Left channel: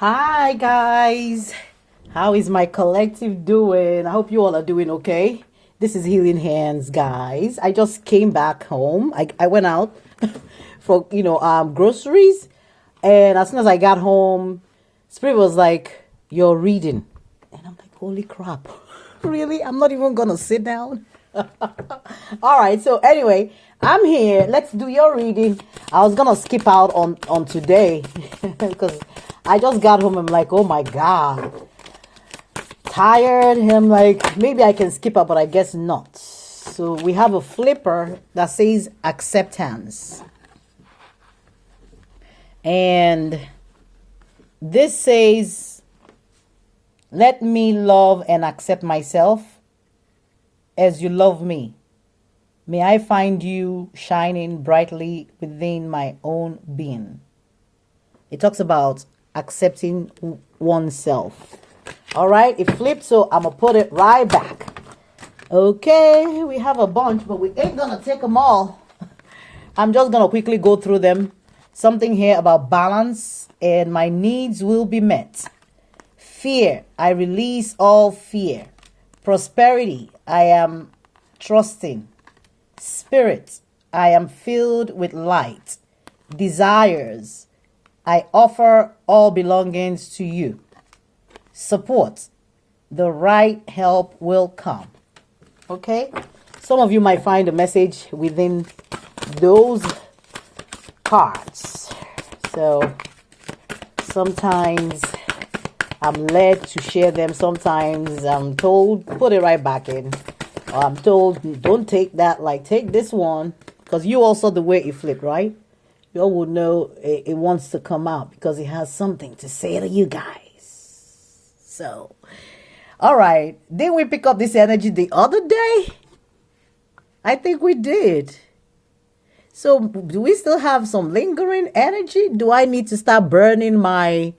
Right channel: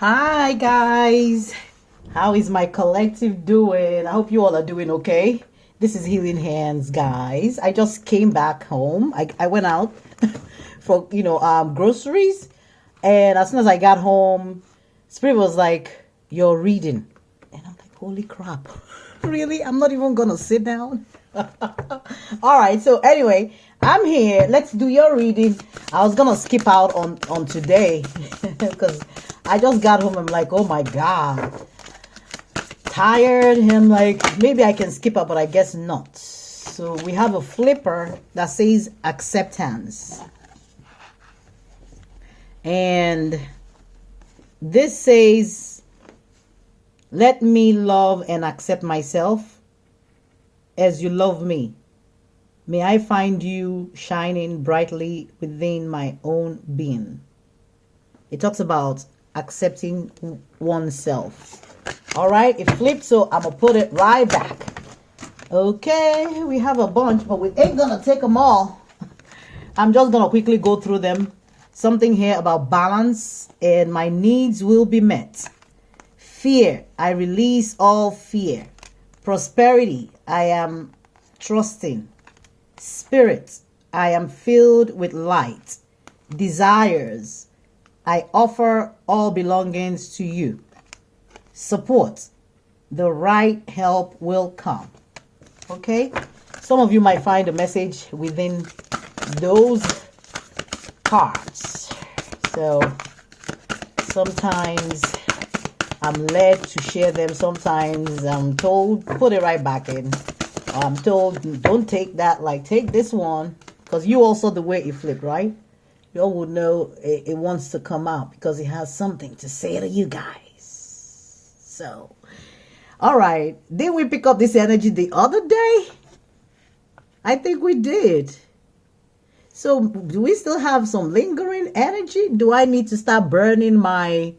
Hi guys, how is my collective doing? I hope you all are doing okay. This is Healing Hands, guys. I just came back home. I went out for groceries, and as soon as I got home, Spirit was like, "You're reading," and I'm like, "Holy crap, really? I'm not even gonna sit down." All right. So anyway, I'm here. Let's do your reading. I was gonna skip out on today because I just got home. I'm like, oh my god, tired. I'm like, maybe I can skip out, but I guess not. So we have a flipper that says acceptance, and this says, "Let me love and accept myself as you love me. May I find you shining brightly within my own being." It talks about accepting oneself. All right, it flips, so I'm gonna put it right back. Okay, we have a bunch, but we ain't gonna take them all. I'm just gonna quickly go through them. Something here about balance, and my needs will be met. Fear, I release all fear. Prosperity, I am trusting. Spirit, I am filled with light. Desires, I offer all belongings to you. Support, the right help will come. Okay? Some of you might find a message within those cards. So sometimes I'm led to share them. Sometimes I'm told, put it right back in. I'm told, don't take that. Like, take this one. Because you also, the way it flipped, right? You all would know it wants to come out because it has something to say to you guys. So, all right. Didn't we pick up this energy the other day? I think we did. So, do we still have some lingering energy? Do I need to start burning my...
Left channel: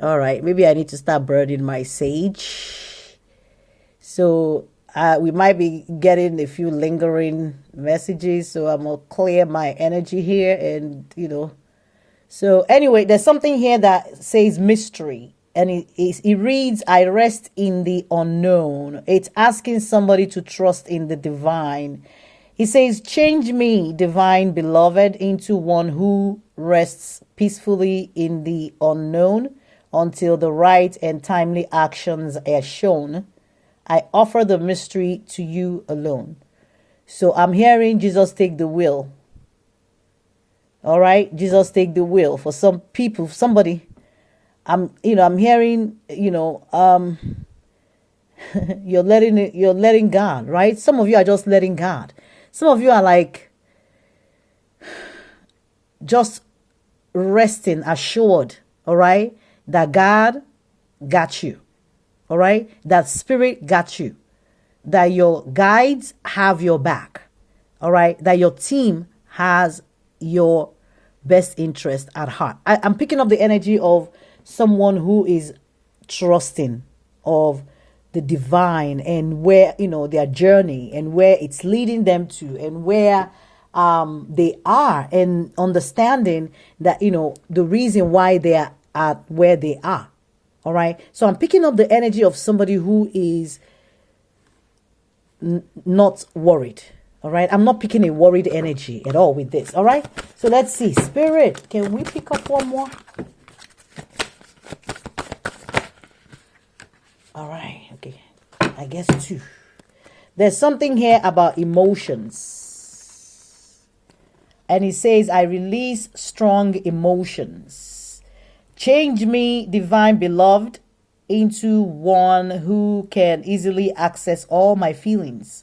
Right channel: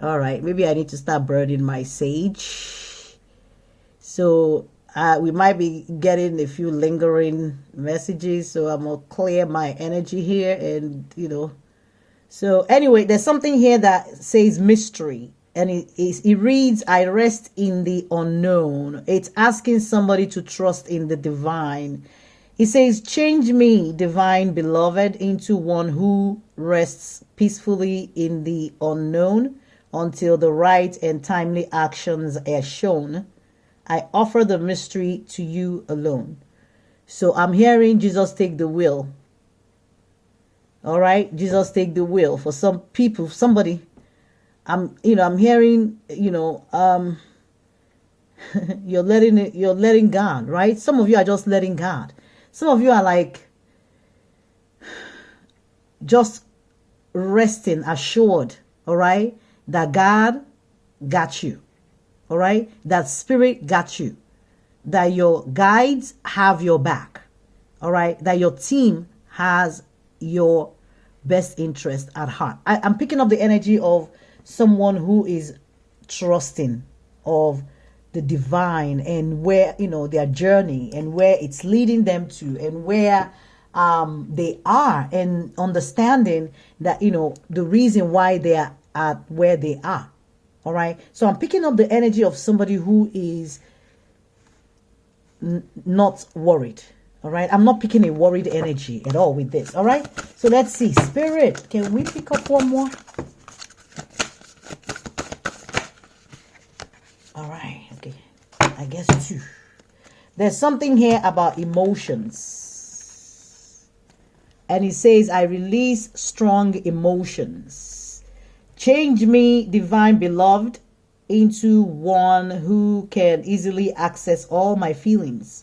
All right, maybe I need to start burning my sage. So we might be getting a few lingering messages. So I'm going to clear my energy here. And, so anyway, there's something here that says mystery. And it reads, "I rest in the unknown." It's asking somebody to trust in the divine. It says, "Change me, divine beloved, into one who rests peacefully in the unknown, until the right and timely actions are shown. I offer the mystery to you alone." So I'm hearing Jesus take the wheel. All right, Jesus take the wheel. For some people, somebody, I'm hearing, you're letting God, right? Some of you are just letting God. Some of you are like just resting, assured, all right, that God got you, all right? That Spirit got you, that your guides have your back, all right? That your team has your best interest at heart. I'm picking up the energy of someone who is trusting of the divine and where, their journey and where it's leading them to and where they are, and understanding that, the reason why they are at where they are. All right. So I'm picking up the energy of somebody who is not worried. All right. I'm not picking a worried energy at all with this. All right. So let's see. Spirit, can we pick up one more? All right. Okay. I guess two. There's something here about emotions. And it says, "I release strong emotions. Change me, divine beloved, into one who can easily access all my feelings.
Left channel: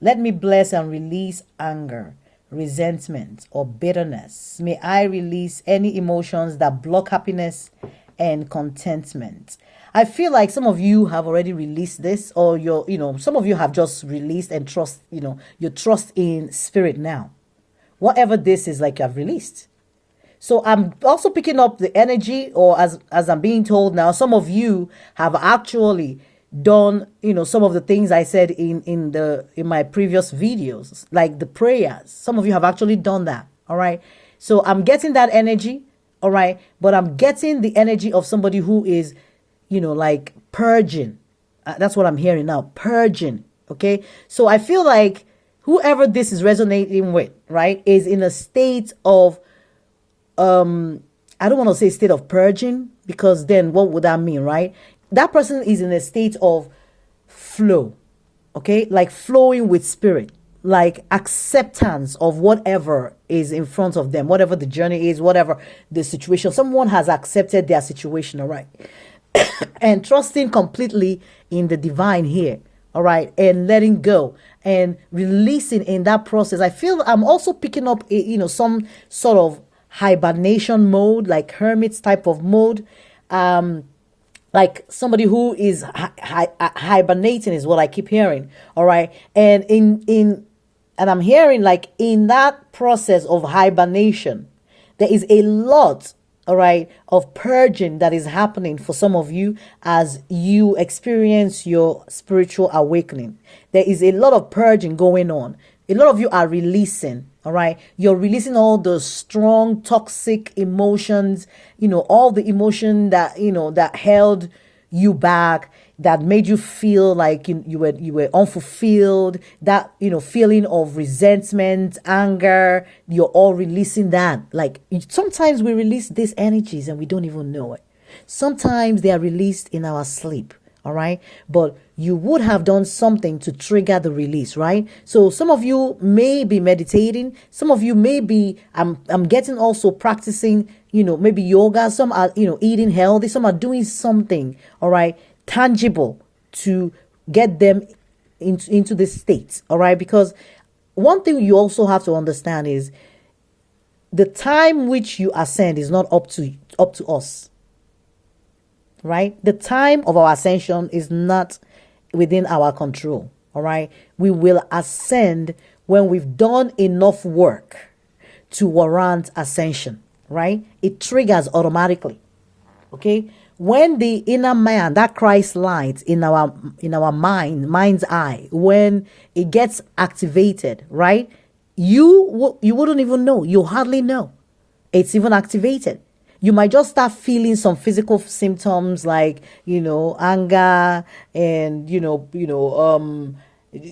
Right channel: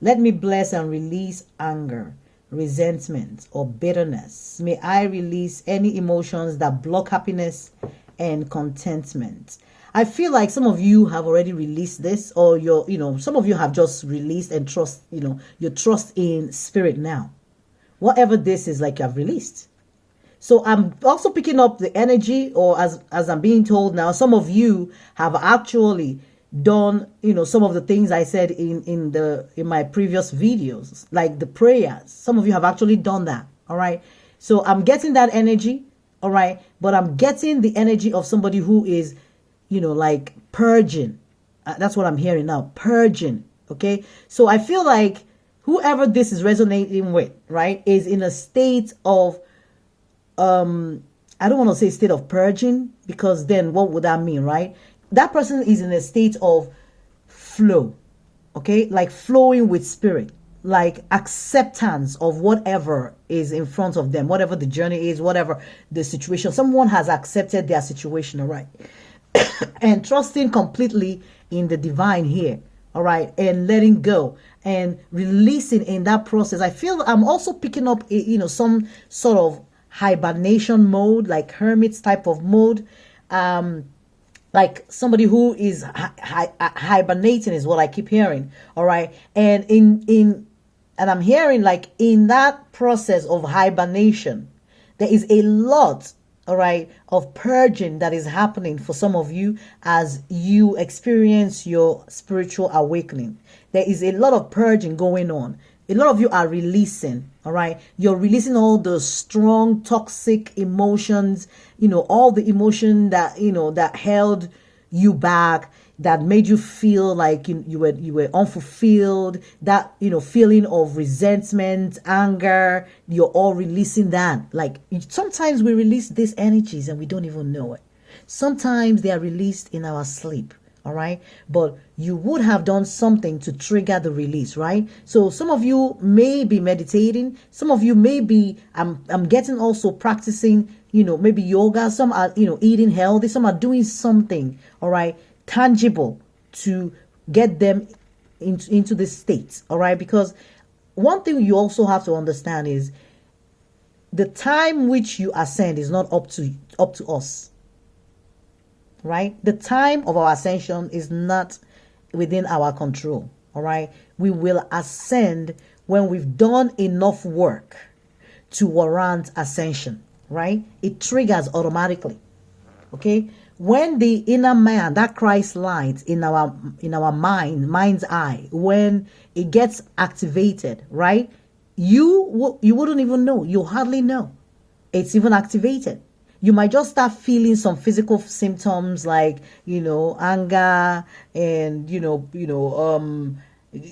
Let me bless and release anger, resentment, or bitterness. May I release any emotions that block happiness and contentment." I feel like some of you have already released this, or some of you have just released and trust, you trust in Spirit now. Whatever this is, like, you have released. So I'm also picking up the energy, or as I'm being told now, some of you have actually done, some of the things I said in my previous videos, like the prayers. Some of you have actually done that. All right. So I'm getting that energy. All right. But I'm getting the energy of somebody who is, like purging. That's what I'm hearing now. Purging. Okay. So I feel like whoever this is resonating with, right, is in a state of, I don't want to say state of purging, because then what would that mean, right? That person is in a state of flow. Okay. Like flowing with spirit, like acceptance of whatever is in front of them, whatever the journey is, whatever the situation. Someone has accepted their situation, all right, and trusting completely in the divine here, all right, and letting go and releasing in that process. I feel I'm also picking up, some sort of hibernation mode, like hermits type of mode, like somebody who is hibernating is what I keep hearing. All right. And and I'm hearing like in that process of hibernation, there is a lot, all right, of purging that is happening for some of you as you experience your spiritual awakening. There is a lot of purging going on. A lot of you are releasing, all right? You're releasing all the strong, toxic emotions, all the emotion that, that held you back, that made you feel like you were unfulfilled, that, feeling of resentment, anger, you're all releasing that. Like sometimes we release these energies and we don't even know it. Sometimes they are released in our sleep. All right. But you would have done something to trigger the release, right? So some of you may be meditating. Some of you may be, I'm getting also practicing, maybe yoga. Some are, eating healthy. Some are doing something, all right, tangible to get them into this state. All right. Because one thing you also have to understand is the time which you ascend is not up to us. Right? The time of our ascension is not within our control. All right. We will ascend when we've done enough work to warrant ascension. Right? It triggers automatically. Okay. When the inner man, that Christ light in our mind's eye, when it gets activated, right? You wouldn't even know. You hardly know it's even activated. You might just start feeling some physical symptoms like, anger and,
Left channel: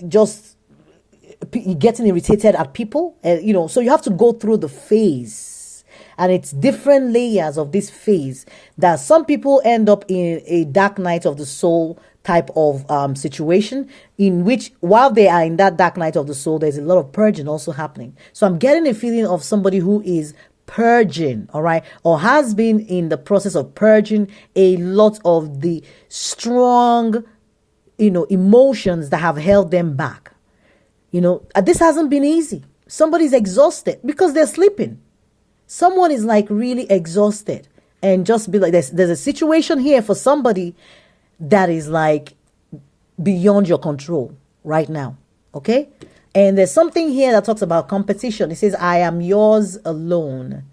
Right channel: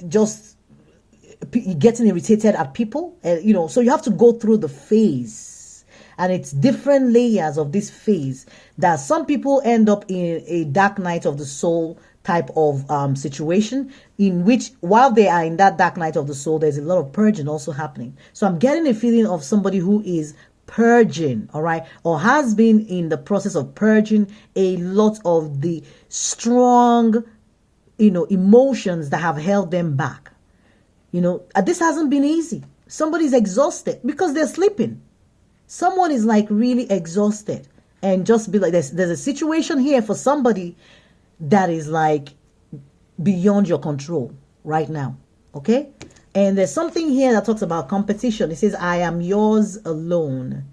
just getting irritated at people. And, so you have to go through the phase, and it's different layers of this phase that some people end up in a dark night of the soul type of situation, in which while they are in that dark night of the soul, there's a lot of purging also happening. So I'm getting a feeling of somebody who is purging, all right, or has been in the process of purging a lot of the strong, emotions that have held them back. This hasn't been easy. Somebody's exhausted because they're sleeping. Someone is like really exhausted, and just be like, there's a situation here for somebody that is like beyond your control right now. Okay. And there's something here that talks about competition. It says, I am yours alone.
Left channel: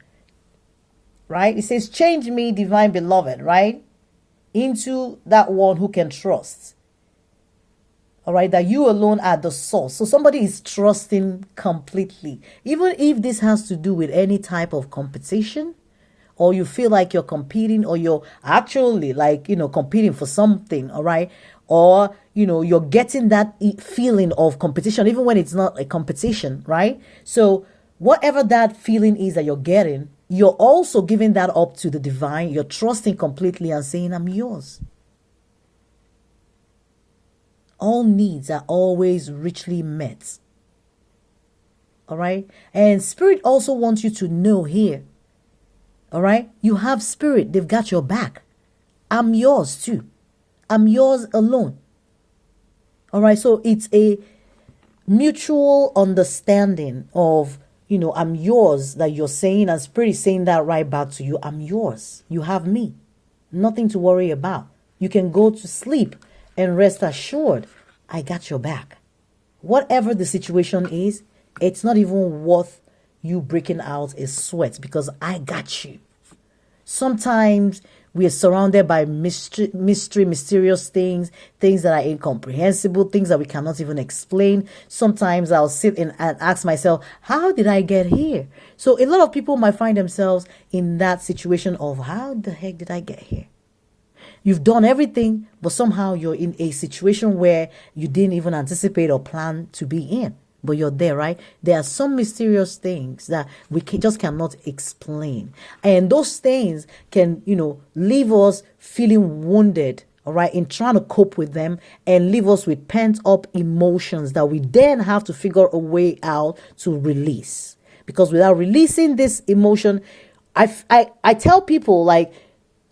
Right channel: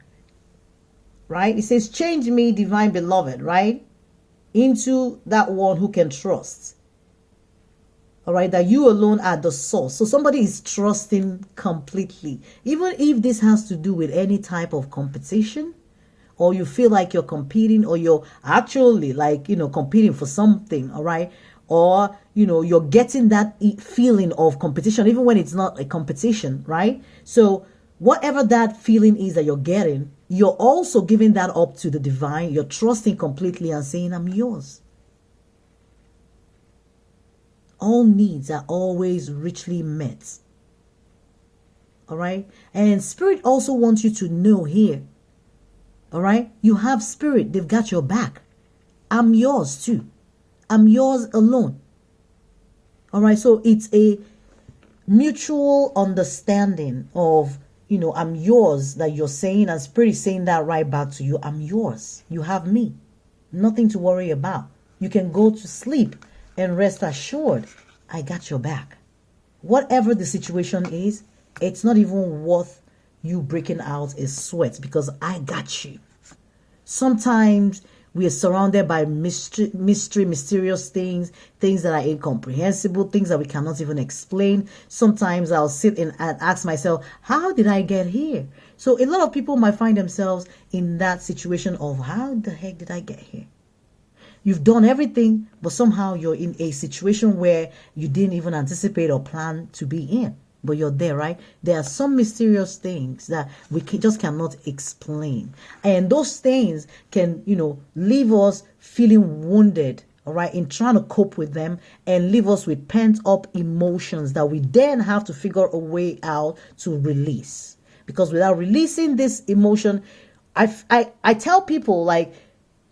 Right? It says, change me, divine beloved, right? Into that one who can trust. All right? That you alone are the source. So somebody is trusting completely. Even if this has to do with any type of competition, or you feel like you're competing, or you're actually like, competing for something, all right? Or, you're getting that feeling of competition, even when it's not a competition, right? So whatever that feeling is that you're getting, you're also giving that up to the divine. You're trusting completely and saying, I'm yours. All needs are always richly met. All right? And spirit also wants you to know here, all right? You have spirit. They've got your back. I'm yours too. I'm yours alone. All right. So it's a mutual understanding of, I'm yours that you're saying, and spirit is saying that right back to you. I'm yours. You have me. Nothing to worry about. You can go to sleep and rest assured. I got your back. Whatever the situation is, it's not even worth you breaking out a sweat, because I got you. Sometimes We are surrounded by mysterious things, things that are incomprehensible, things that we cannot even explain. Sometimes I'll sit and ask myself, how did I get here? So a lot of people might find themselves in that situation of, how the heck did I get here? You've done everything, but somehow you're in a situation where you didn't even anticipate or plan to be in. But you're there, right? There are some mysterious things that we just cannot explain. And those things can, leave us feeling wounded, all right, in trying to cope with them, and leave us with pent up emotions that we then have to figure a way out to release. Because without releasing this emotion, I tell people, like,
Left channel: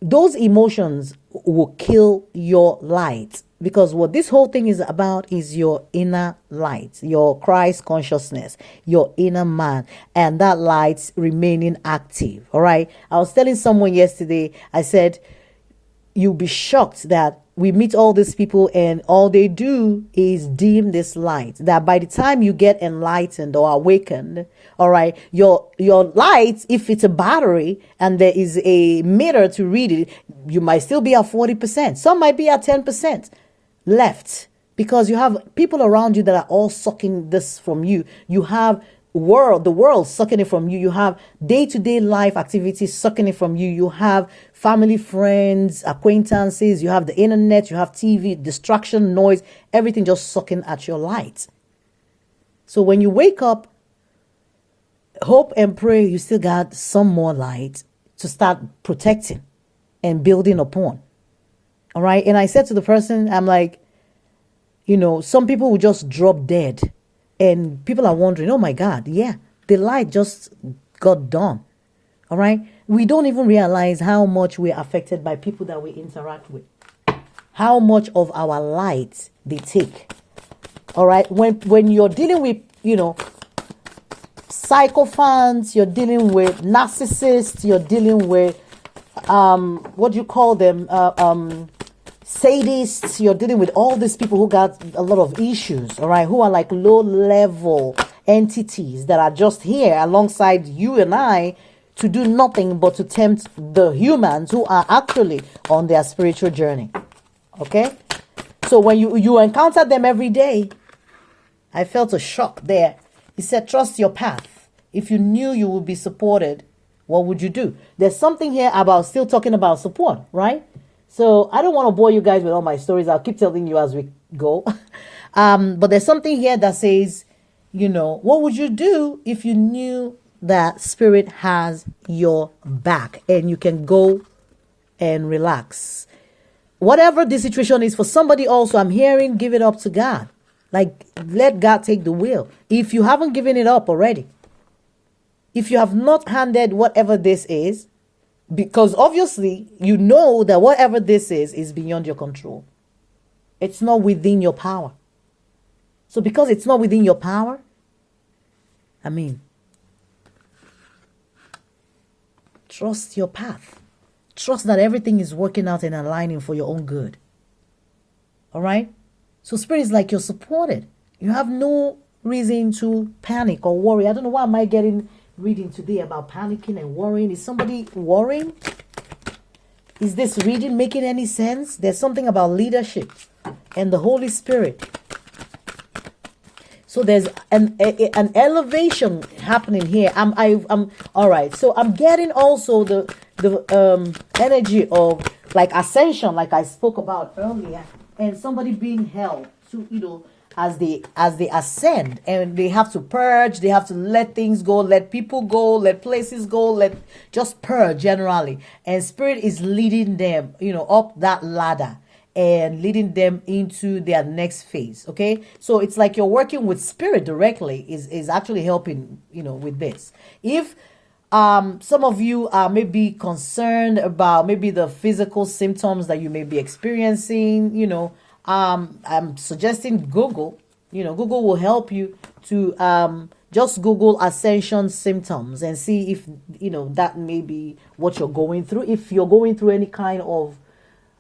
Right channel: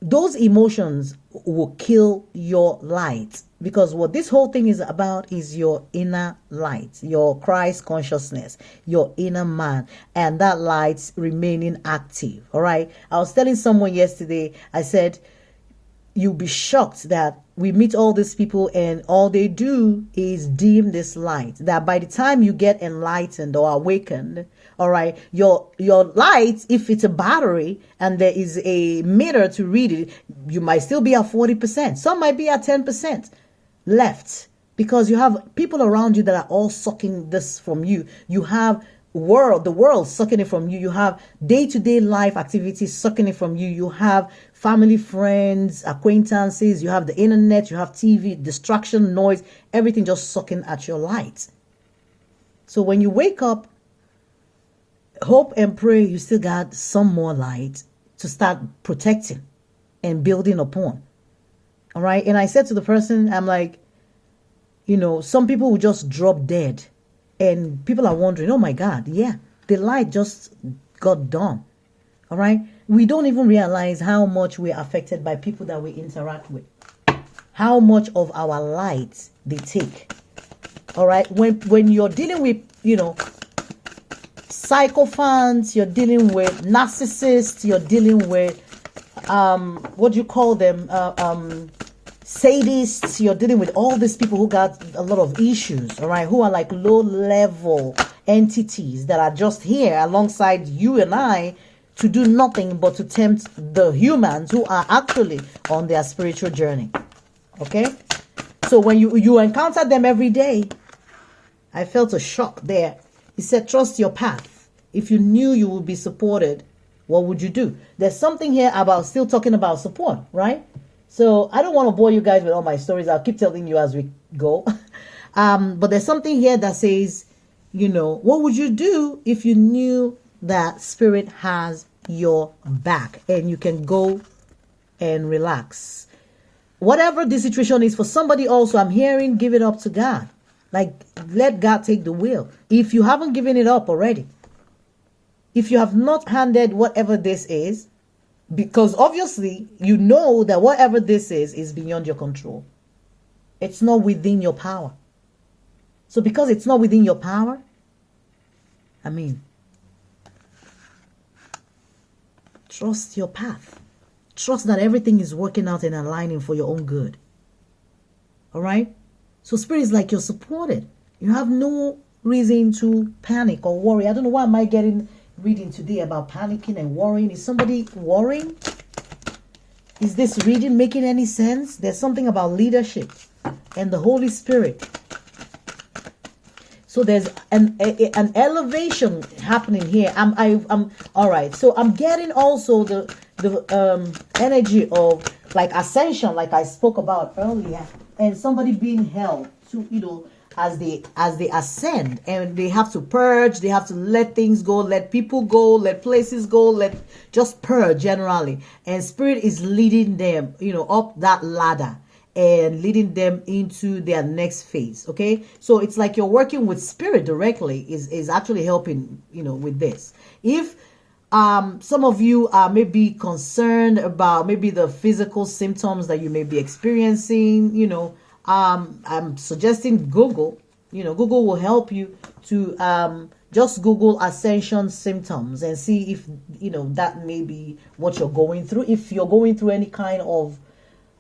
those emotions will kill your light. Because what this whole thing is about is your inner light, your Christ consciousness, your inner man, and that light remaining active. All right. I was telling someone yesterday, I said, you'll be shocked that we meet all these people and all they do is dim this light. That by the time you get enlightened or awakened, all right, your light, if it's a battery and there is a meter to read it, you might still be at 40%. Some might be at 10% left, because you have people around you that are all sucking this from you. You have the world sucking it from you. You have day-to-day life activities sucking it from you. You have family, friends, acquaintances. You have the internet. You have TV, distraction, noise, everything just sucking at your light. So when you wake up, hope and pray you still got some more light to start protecting and building upon. All right. And I said to the person, I'm like, some people will just drop dead. And people are wondering, oh my God, yeah, the light just got done. All right. We don't even realize how much we're affected by people that we interact with. How much of our light they take. All right. When you're dealing with, psychophants, you're dealing with narcissists, you're dealing with, what do you call them? Sadists, you're dealing with all these people who got a lot of issues, all right, who are like low-level entities that are just here alongside you and I to do nothing but to tempt the humans who are actually on their spiritual journey, okay? So when you encounter them every day, I felt a shock there. He said, trust your path. If you knew you would be supported, what would you do? There's something here about still talking about support, right? So I don't want to bore you guys with all my stories. I'll keep telling you as we go. But there's something here that says, what would you do if you knew that Spirit has your back and you can go and relax? Whatever the situation is for somebody also, I'm hearing, give it up to God. Like, let God take the wheel. If you haven't given it up already, if you have not handed whatever this is, because obviously you know that whatever this is beyond your control. It's not within your power. So because it's not within your power, trust your path. Trust that everything is working out and aligning for your own good. All right? So Spirit is like, you're supported. You have no reason to panic or worry. I don't know why am I getting reading today about panicking and worrying. Is somebody worrying? Is this reading making any sense? There's something about leadership and the Holy Spirit. So there's an elevation happening here. I'm all right. So I'm getting also the energy of like ascension, like I spoke about earlier, and somebody being held to as they ascend, and they have to purge, they have to let things go, let people go, let places go, let just purge generally. And Spirit is leading them, up that ladder and leading them into their next phase. Okay. So it's like you're working with Spirit directly is actually helping, with this. If some of you are maybe concerned about maybe the physical symptoms that you may be experiencing, I'm suggesting Google. Google will help you to just Google ascension symptoms and see if that may be what you're going through. If you're going through any kind of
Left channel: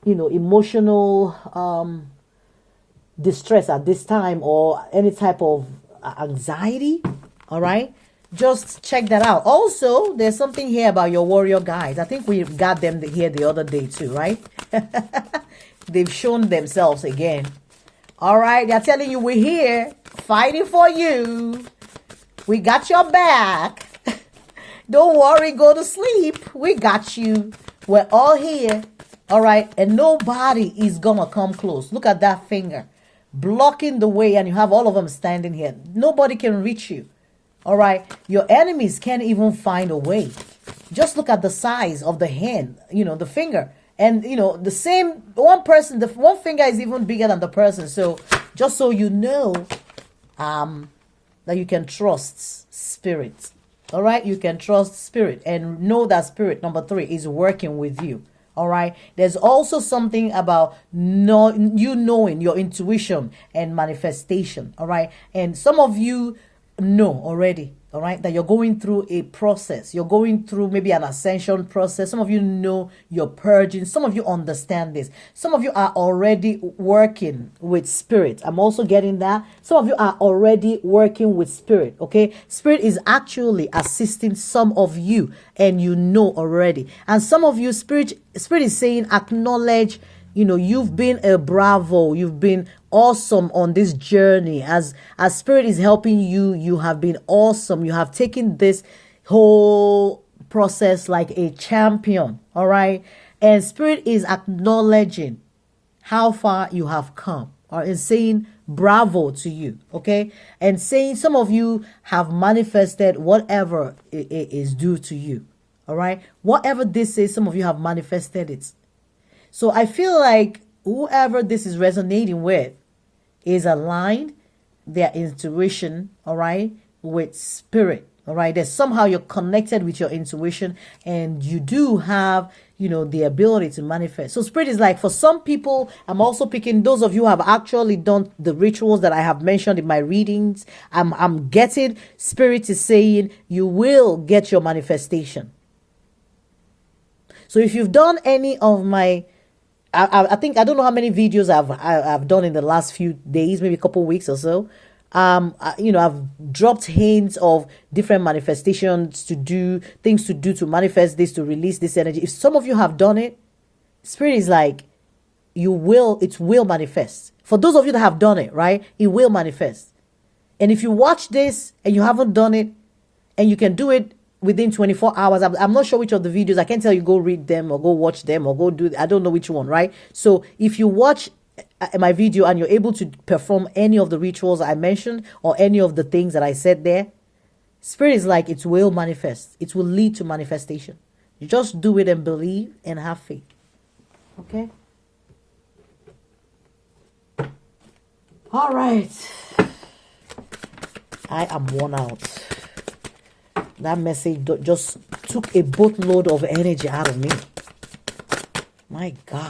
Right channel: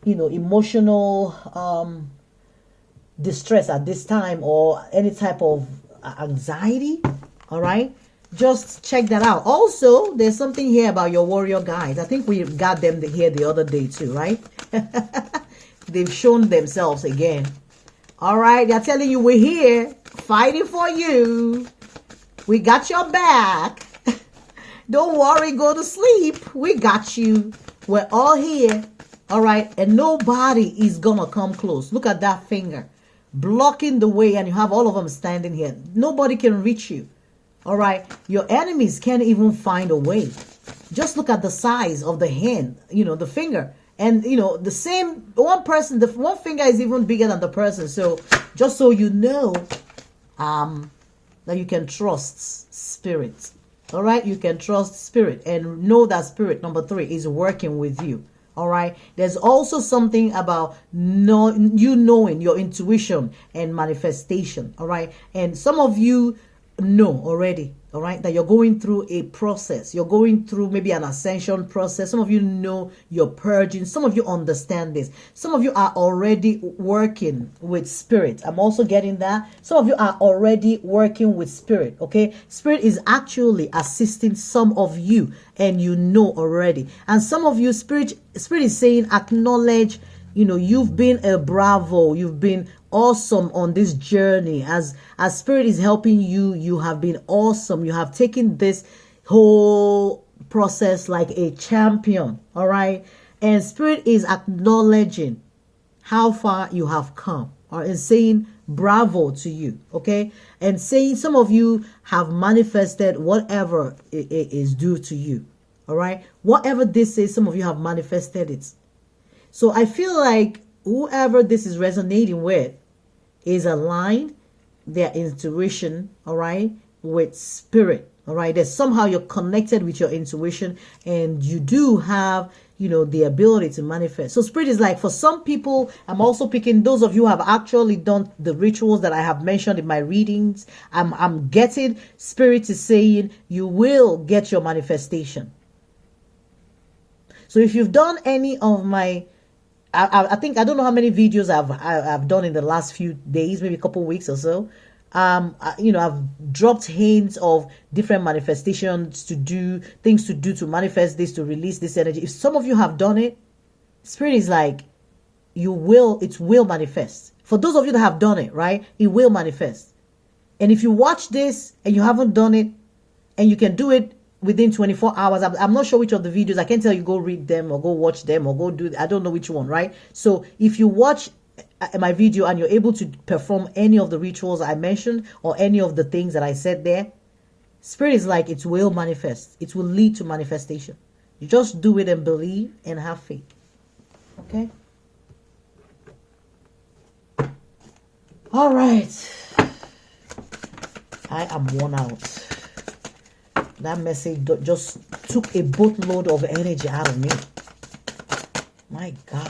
emotional distress at this time or any type of anxiety, all right, just check that out. Also, there's something here about your warrior guys. I think we got them here the other day too, right? They've shown themselves again. All right, they're telling you we're here fighting for you. We got your back. Don't worry, go to sleep. We got you. We're all here. All right, and nobody is gonna come close. Look at that finger blocking the way, and you have all of them standing here. Nobody can reach you. All right, your enemies can't even find a way. Just look at the size of the hand, the finger. And, the same one person, the one finger is even bigger than the person. So just so you know that you can trust spirit. All right, you can trust spirit and know that spirit, number 3, is working with you. All right, there's also something about knowing your intuition and manifestation. All right, and some of you know already, all right, that you're going through a process. You're going through maybe an ascension process. Some of you know you're purging. Some of you understand this. Some of you are already working with spirit. I'm also getting that. Some of you are already working with spirit, okay? Spirit is actually assisting some of you, and you know already. And some of you, spirit is saying, acknowledge, you've been a bravo. You've been awesome on this journey. As spirit is helping you, you have been awesome. You have taken this whole process like a champion. All right. And spirit is acknowledging how far you have come, or is saying bravo to you. Okay. And saying some of you have manifested whatever is due to you. All right. Whatever this is, some of you have manifested it. So I feel like whoever this is resonating with is aligned, their intuition, all right, with spirit, all right. That somehow you're connected with your intuition, and you do have, the ability to manifest. So spirit is like, for some people, I'm also picking those of you who have actually done the rituals that I have mentioned in my readings. I'm getting spirit is saying you will get your manifestation. So if you've done any of my, I think, I don't know how many videos I've done in the last few days, maybe a couple weeks or so. I've dropped hints of different manifestations to do, things to do to manifest this, to release this energy. If some of you have done it, spirit is like, it will manifest. For those of you that have done it, right, it will manifest. And if you watch this and you haven't done it, and you can do it within 24 hours. I'm not sure which of the videos. I can't tell you go read them or go watch them or go do. I don't know which one, right? So if you watch my video and you're able to perform any of the rituals I mentioned or any of the things that I said there, spirit is like, it will manifest. It will lead to manifestation. You just do it and believe and have faith. Okay? All right. I am worn out. That message just took a boatload of energy out of me. My God.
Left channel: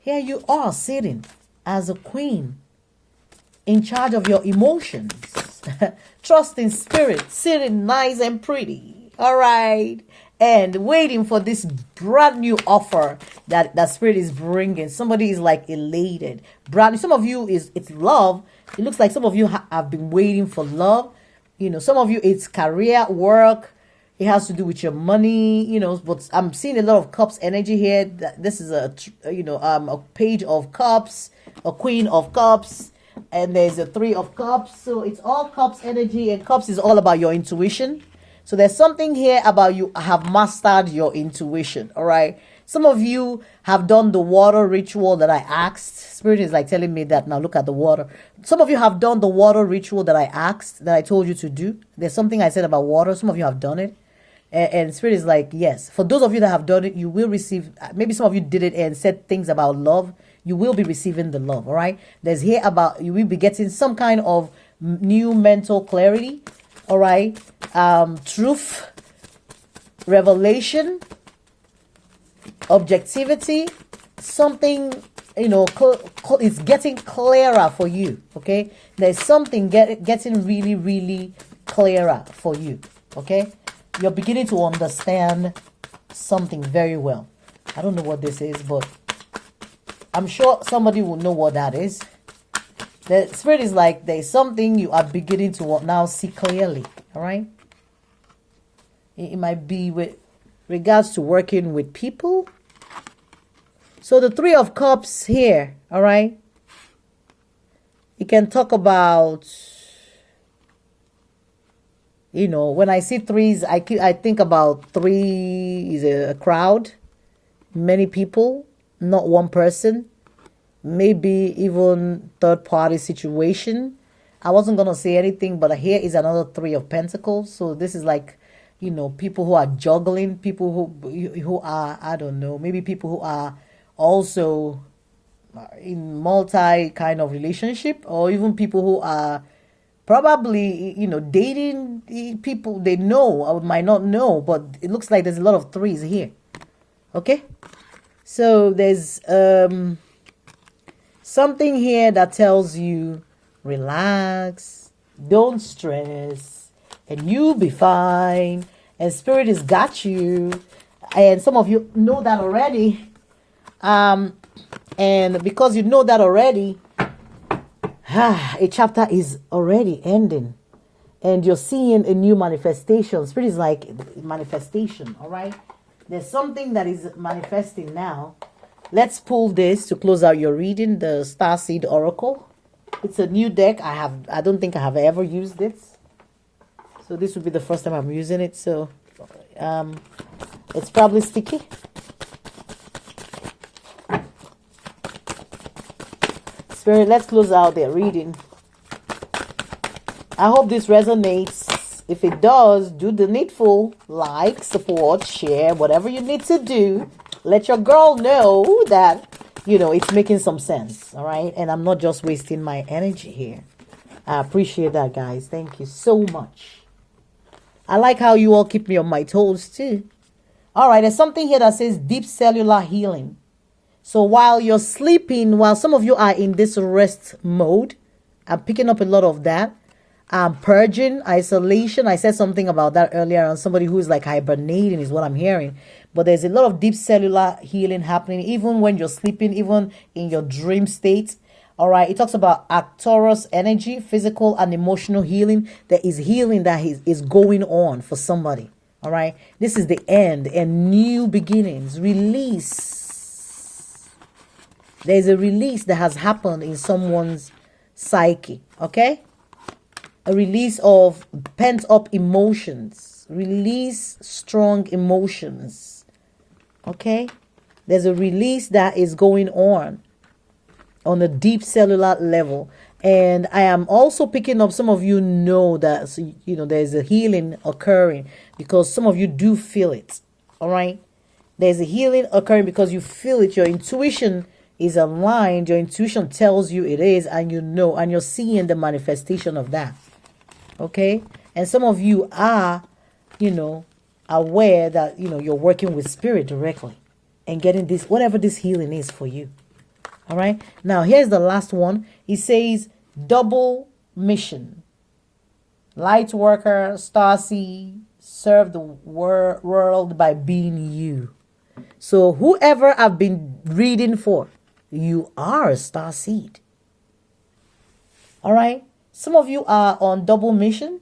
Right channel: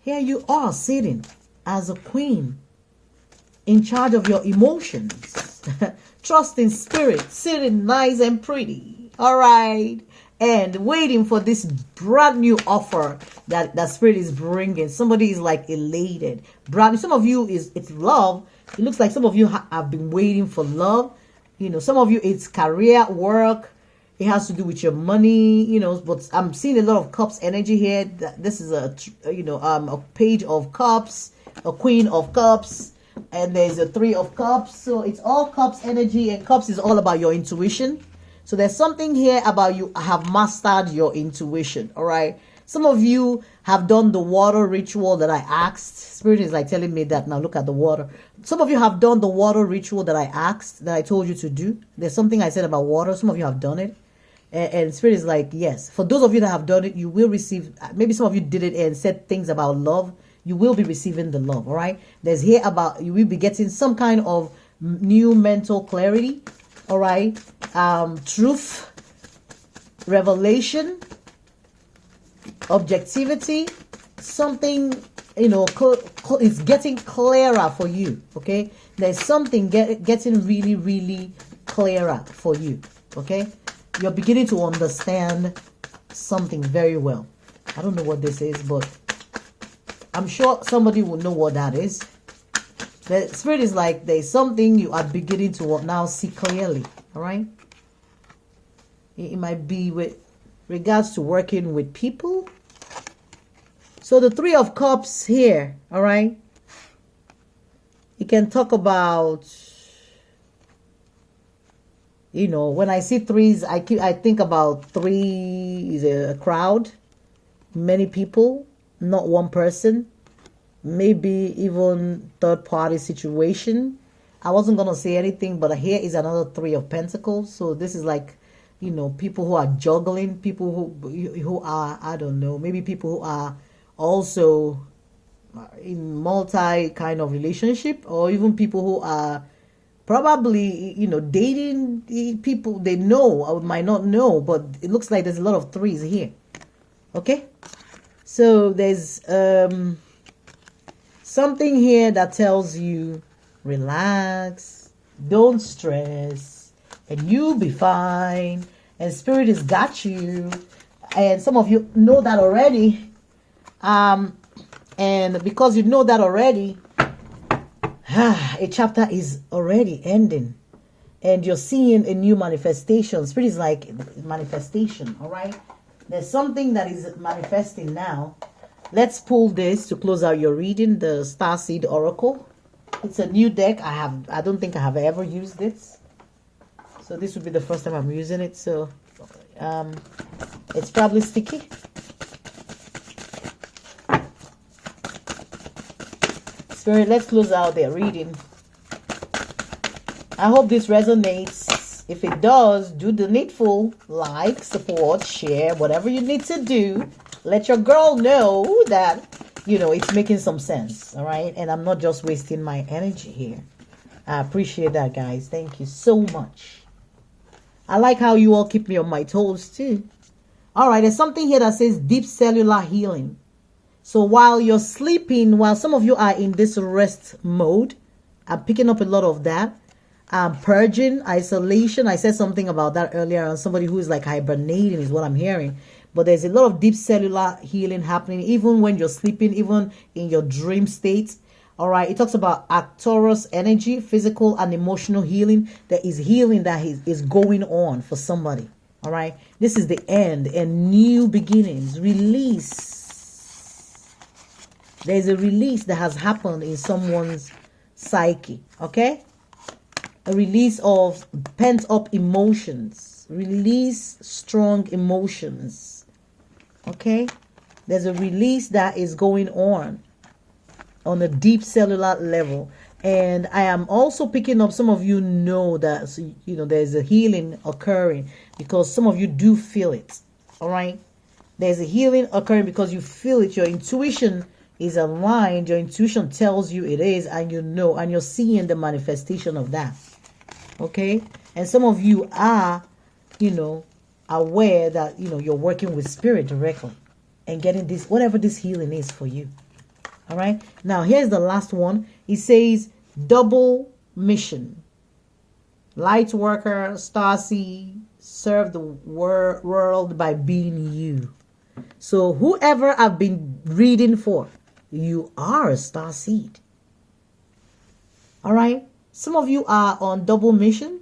Here you are sitting as a queen in charge of your emotions. Trust in spirit, sitting nice and pretty. All right. And waiting for this brand new offer that spirit is bringing. Somebody is like elated. Brand new. Some of you it's love. It looks like some of you have been waiting for love. Some of you, it's career, work. It has to do with your money, but I'm seeing a lot of cups energy here. This is a page of cups, a queen of cups, and there's a 3 of cups. So it's all cups energy, and cups is all about your intuition. So there's something here about you have mastered your intuition. All right. Some of you have done the water ritual that I asked. Spirit is like telling me that now look at the water. Some of you have done the water ritual that I asked, that I told you to do. There's something I said about water. Some of you have done it. And Spirit is like, yes. For those of you that have done it, you will receive. Maybe some of you did it and said things about love. You will be receiving the love, all right? There's here about, you will be getting some kind of new mental clarity, all right? Truth, revelation, objectivity, something, it's getting clearer for you, okay? There's something getting really, really clearer for you, okay? You're beginning to understand something very well. I don't know what this is, but I'm sure somebody will know what that is. The spirit is like, there's something you are beginning to now see clearly. All right. It might be with regards to working with people. So the Three of Cups here, all right. You can talk about, when I see threes, I think about three is a crowd, many people, not one person, maybe even third party situation. I wasn't going to say anything, but here is another Three of Pentacles. So this is like, people who are juggling, people who are, I don't know, maybe people who are also in multi kind of relationship, or even people who are probably, dating people they know or might not know, but it looks like there's a lot of threes here. Okay. So there's something here that tells you relax, don't stress, and you'll be fine, and spirit has got you. And some of you know that already, and because you know that already, a chapter is already ending, and you're seeing a new manifestation. Spirit is like manifestation. All right, there's something that is manifesting now. Let's pull this to close out your reading, the Starseed Oracle. It's a new deck. I don't think I have ever used this. So this will be the first time I'm using it. So it's probably sticky. Spirit, let's close out their reading. I hope this resonates. If it does, do the needful. Like, support, share, whatever you need to do. Let your girl know that, it's making some sense. All right. And I'm not just wasting my energy here. I appreciate that, guys. Thank you so much. I like how you all keep me on my toes, too. All right. There's something here that says deep cellular healing. So while you're sleeping, while some of you are in this rest mode, I'm picking up a lot of that. Purging, isolation. I said something about that earlier on. Somebody who's like hibernating is what I'm hearing. But there's a lot of deep cellular healing happening, even when you're sleeping, even in your dream state. All right. It talks about Arcturus energy, physical and emotional healing. There is healing that is going on for somebody. All right. This is the end and new beginnings. Release. There's a release that has happened in someone's psyche. Okay. A release of pent up emotions. Release strong emotions. Okay. There's a release that is going on a deep cellular level. And I am also picking up, some of you know that, there's a healing occurring because some of you do feel it. All right. There's a healing occurring because you feel it. Your intuition is aligned. Your intuition tells you it is, and and you're seeing the manifestation of that. Okay. And some of you are, aware that, you're working with spirit directly and getting this, whatever this healing is for you. All right. Now, here's the last one. It says double mission. Light worker, starseed, serve the world by being you. So whoever I've been reading for, you are a starseed. All right. Some of you are on double mission.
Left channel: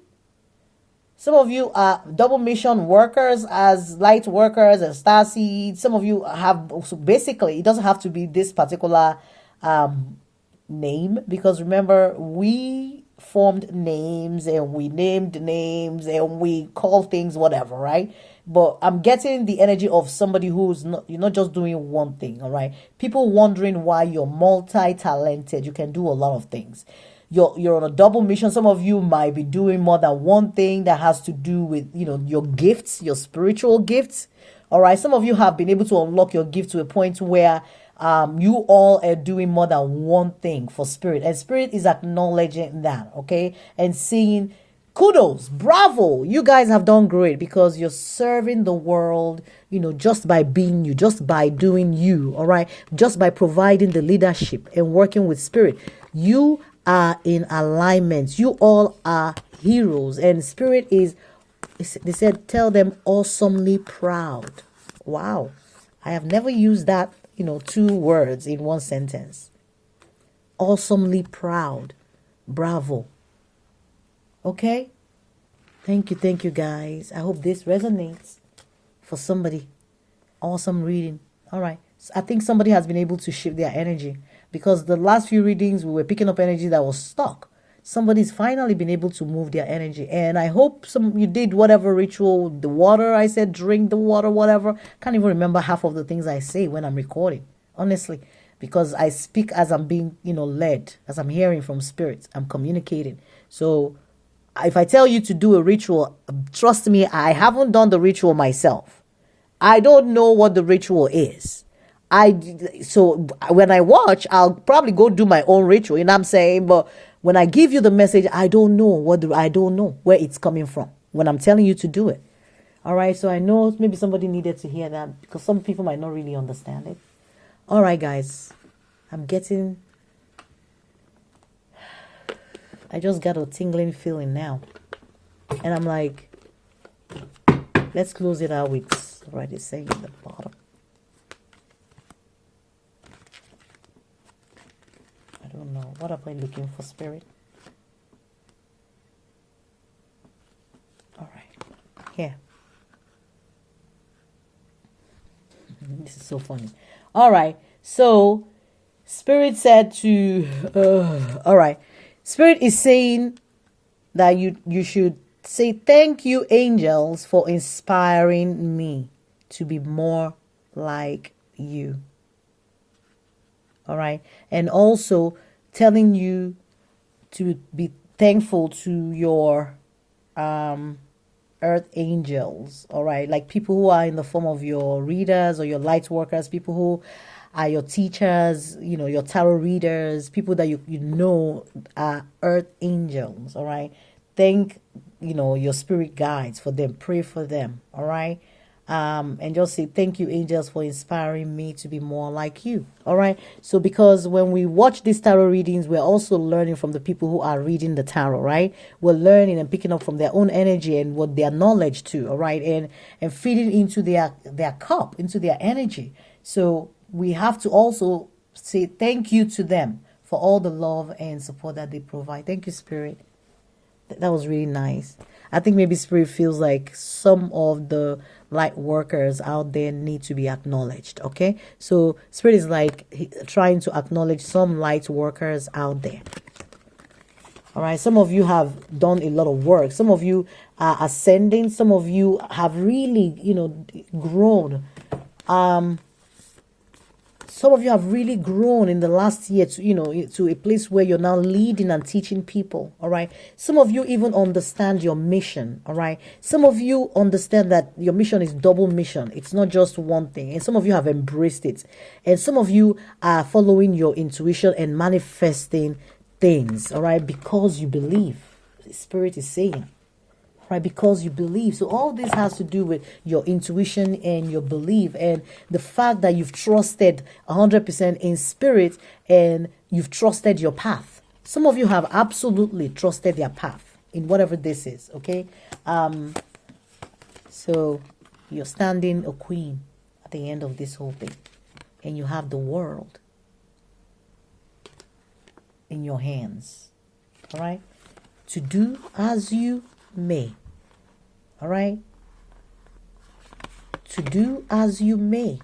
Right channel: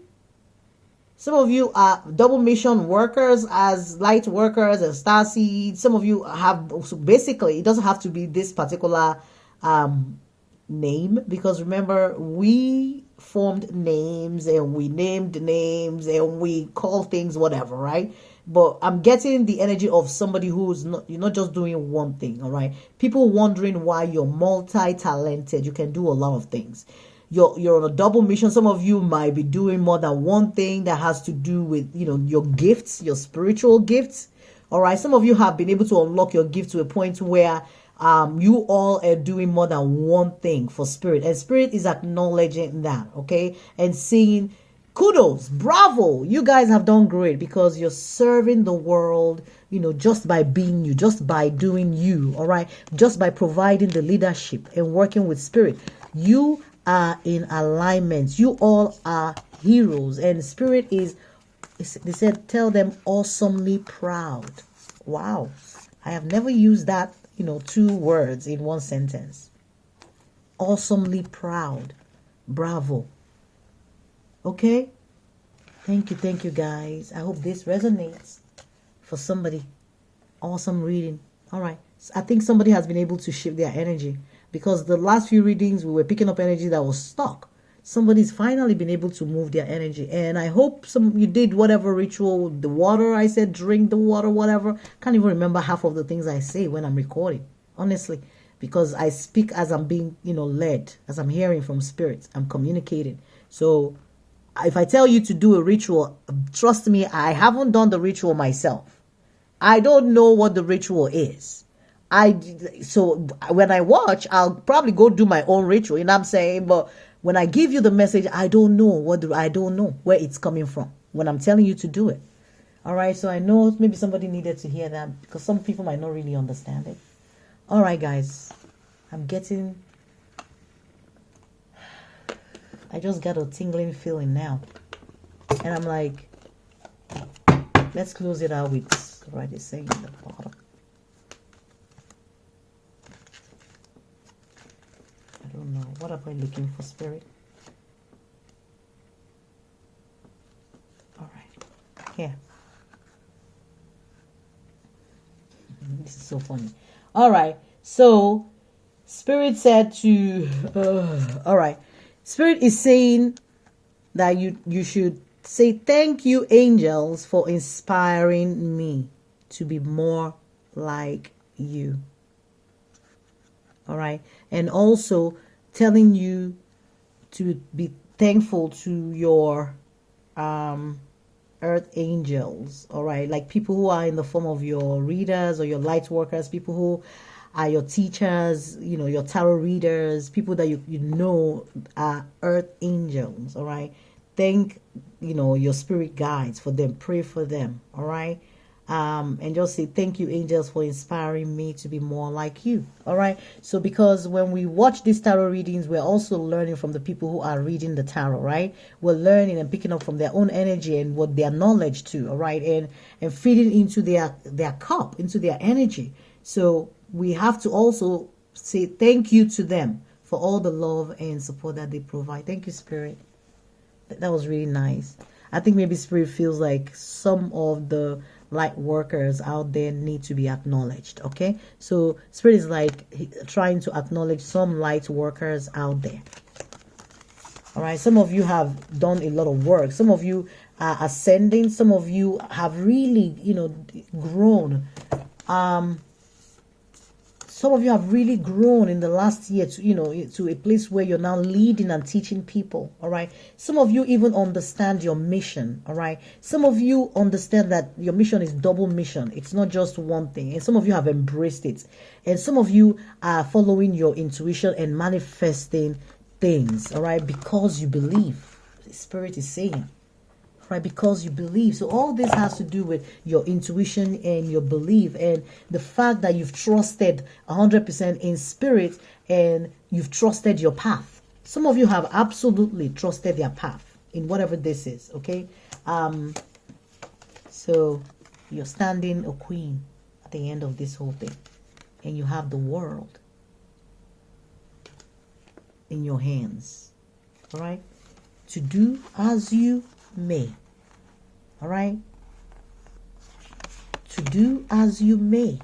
Some of you are double mission workers as light workers and starseed. Some of you have, so basically, it doesn't have to be this particular name, because remember, we formed names and we named names and we call things whatever, right? But I'm getting the energy of somebody who's not, you're not just doing one thing, all right? People wondering why you're multi-talented. You can do a lot of things. You're on a double mission. Some of you might be doing more than one thing that has to do with, your gifts, your spiritual gifts. All right. Some of you have been able to unlock your gift to a point where you all are doing more than one thing for spirit. And spirit is acknowledging that. Okay. And saying, kudos, bravo. You guys have done great because you're serving the world, just by being you, just by doing you. All right. Just by providing the leadership and working with spirit. You are in alignment. You all are heroes, and spirit is, they said, tell them awesomely proud. Wow. I have never used that, 2 words in one sentence. Awesomely proud. Bravo. Okay. Thank you, guys. I hope this resonates for somebody. Awesome reading. All right. I think somebody has been able to shift their energy, because the last few readings we were picking up energy that was stuck. Somebody's finally been able to move their energy, and I hope you did whatever ritual. The water, I said drink the water, whatever. Can't even remember half of the things I say when I'm recording, honestly, because I speak as I'm being led, as I'm hearing from spirits. I'm communicating. So if I tell you to do a ritual, trust me, I haven't done the ritual myself. I don't know what the ritual is. So when I watch, I'll probably go do my own ritual, what I'm saying? But when I give you the message, I don't know I don't know where it's coming from when I'm telling you to do it. All right, so I know maybe somebody needed to hear that, because some people might not really understand it. All right, guys, I just got a tingling feeling now, and I'm like, let's close it out with what it's saying at the bottom. I don't know. What am I looking for, Spirit? All right. Here. This is so funny. All right. So, Spirit said to... all right. Spirit is saying that you should say, thank you, angels, for inspiring me to be more like you. All right. And also telling you to be thankful to your earth angels. All right. Like people who are in the form of your readers or your light workers, people who are your teachers, your tarot readers, people that you know are earth angels. All right. Thank, your spirit guides for them. Pray for them. All right. And just say, thank you, angels, for inspiring me to be more like you. All right. So because when we watch these tarot readings, we're also learning from the people who are reading the tarot, right? We're learning and picking up from their own energy and what their knowledge too. All right. And feeding into their cup, into their energy. So we have to also say thank you to them for all the love and support that they provide. Thank you, Spirit. That was really nice. I think maybe Spirit feels like some of the light workers out there need to be acknowledged. Okay, so Spirit is like trying to acknowledge some light workers out there. All right, some of you have done a lot of work. Some of you are ascending. Some of you have really grown. Some of you have really grown in the last year to a place where you're now leading and teaching people. All right. Some of you even understand your mission. All right. Some of you understand that your mission is double mission. It's not just one thing. And some of you have embraced it. And some of you are following your intuition and manifesting things. All right. Because you believe. The Spirit is saying. Right, because you believe. So all this has to do with your intuition and your belief, and the fact that you've trusted 100% in Spirit and you've trusted your path. Some of you have absolutely trusted their path in whatever this is. Okay, so you're standing a queen at the end of this whole thing, and you have the world in your hands. All right, to do as you may. All right, to do as you may.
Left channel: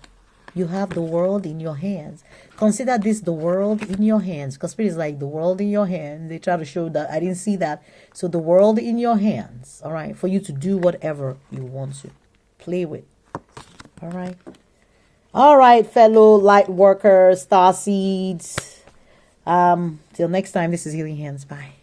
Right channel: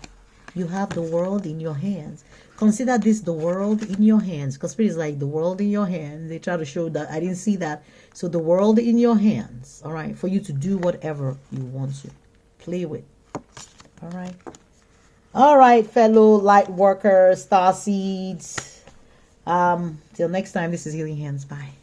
You have the world in your hands. Consider this the world in your hands, because Spirit is like the world in your hands. They try to show that I didn't see that. So the world in your hands. All right, for you to do whatever you want to play with. All right, fellow light workers, star seeds. Till next time, this is Healing Hands. Bye.